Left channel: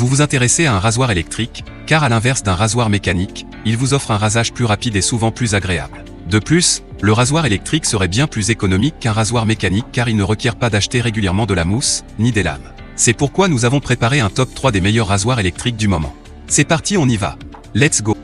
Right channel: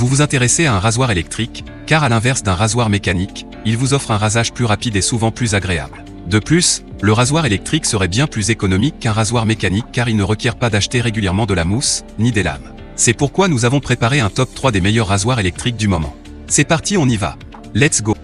Vous vous intéressez à un rasoir électrique, car à l'inverse d'un rasoir mécanique, il vous offre un rasage plus rapide et souvent plus agréable. De plus, le rasoir électrique serait bien plus économique qu'un rasoir mécanique car il ne requiert pas d'acheter régulièrement de la mousse, ni des lames. C'est pourquoi nous avons préparé un top 3 des meilleurs rasoirs électriques du moment. C'est parti, on y va. Let's go.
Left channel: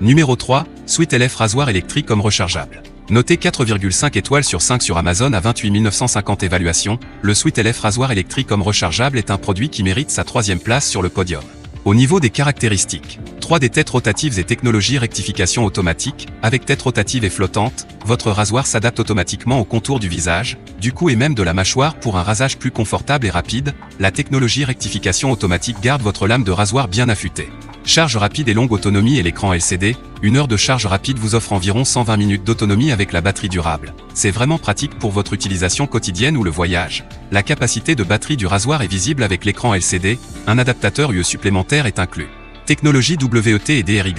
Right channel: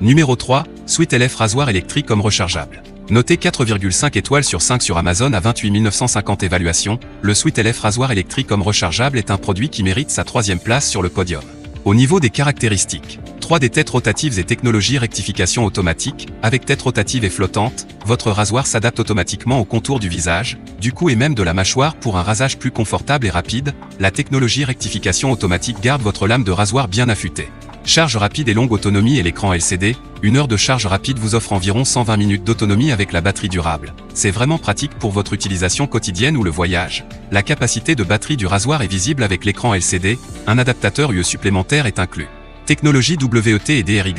Numéro 3, Sweet LF rasoir électrique homme rechargeable. Noté 4,5 étoiles sur 5 sur Amazon à 28 950 évaluations, le Sweet LF rasoir électrique homme rechargeable est un produit qui mérite sa 3e place sur le podium. Au niveau des caractéristiques, 3D têtes rotatives et technologie rectification automatique, avec tête rotative et flottante, votre rasoir s'adapte automatiquement au contour du visage, du cou et même de la mâchoire pour un rasage plus confortable et rapide. La technologie rectification automatique garde votre lame de rasoir bien affûtée. Charge rapide et longue autonomie et l'écran LCD, 1 heure de charge rapide vous offre environ 120 minutes d'autonomie avec la batterie durable. C'est vraiment pratique pour votre utilisation quotidienne ou le voyage. La capacité de batterie du rasoir est visible avec l'écran LCD, un adaptateur UE supplémentaire est inclus. Technologie WET et DRY,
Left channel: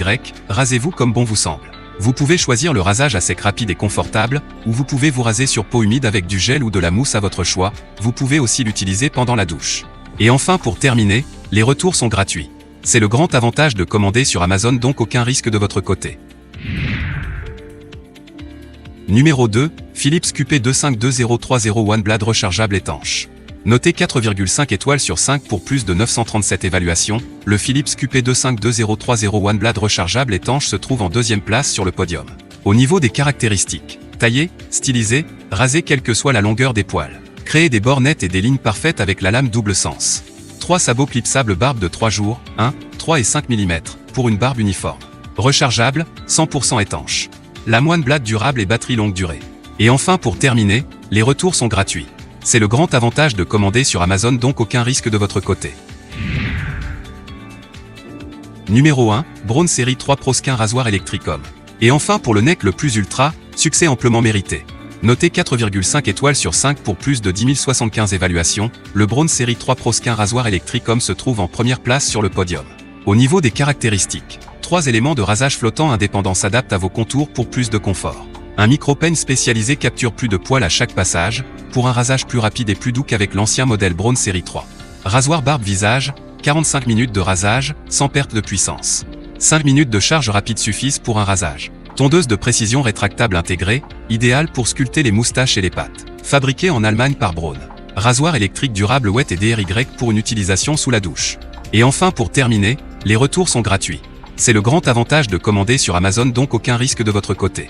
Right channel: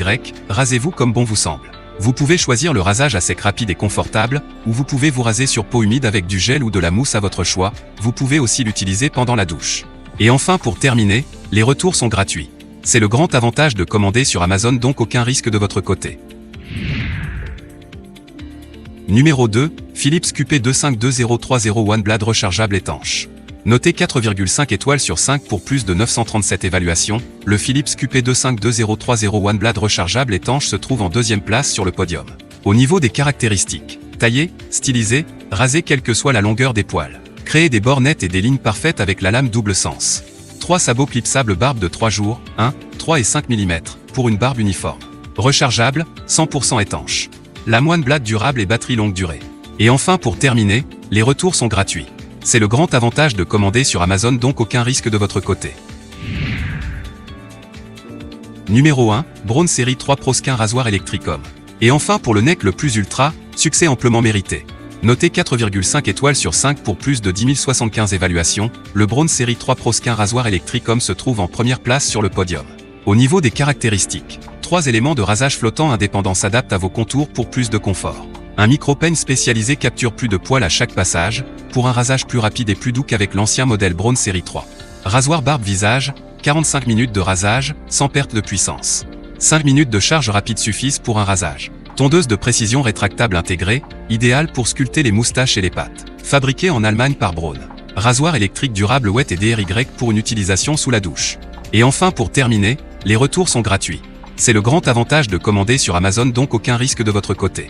rasez-vous comme bon vous semble. Vous pouvez choisir le rasage à sec rapide et confortable, ou vous pouvez vous raser sur peau humide avec du gel ou de la mousse à votre choix, vous pouvez aussi l'utiliser pendant la douche. Et enfin pour terminer, les retours sont gratuits. C'est le grand avantage de commander sur Amazon, donc aucun risque de votre côté. Numéro 2, Philips QP252030 One Blade rechargeable étanche. Noté 4,5 étoiles sur 5 pour plus de 937 évaluations, le Philips QP252030 One Blade rechargeable étanche se trouve en 2e place sur le podium. Au niveau des caractéristiques, taillé, stylisé, rasé quelle que soit la longueur des poils. Créer des bords nettes et des lignes parfaites avec la lame double sens. 3 sabots clipsables barbe de 3 jours, 1, 3 et 5 mm, pour une barbe uniforme. Rechargeable, 100% étanche. Lame One Blade durable et batterie longue durée. Et enfin pour terminer, les retours sont gratuits. C'est le grand avantage de commander sur Amazon, donc aucun risque de votre côté. Numéro 1, Braun Série 3 Pro Skin rasoir électrique homme. Et enfin pour le neck le plus ultra, succès amplement mérité. Noté 4,5 étoiles sur 5 pour plus de 10 075 évaluations, le Braun Série 3 Pro Skin rasoir électrique homme se trouve en première place sur le podium. Au niveau des caractéristiques, 3 éléments de rasage flottant indépendants s'adaptent à vos contours pour plus de confort. Un micro-peigne spécialisé capture plus de poils à chaque passage, pour un rasage plus rapide et plus doux qu'avec l'ancien modèle Braun Série 3. Rasoir barbe visage, 45 minutes de rasage, sans perte de puissance. 5 minutes de charge rapide suffisent pour un rasage. Tondeuse de précision rétractable intégrée, idéale pour sculpter les moustaches et les pattes. Fabriquée en Allemagne par Braun. Rasoir électrique durable WET et DRY pour une utilisation sous la douche. Et enfin pour terminer, les retours sont gratuits. C'est le grand avantage de commander sur Amazon, donc aucun risque de votre côté.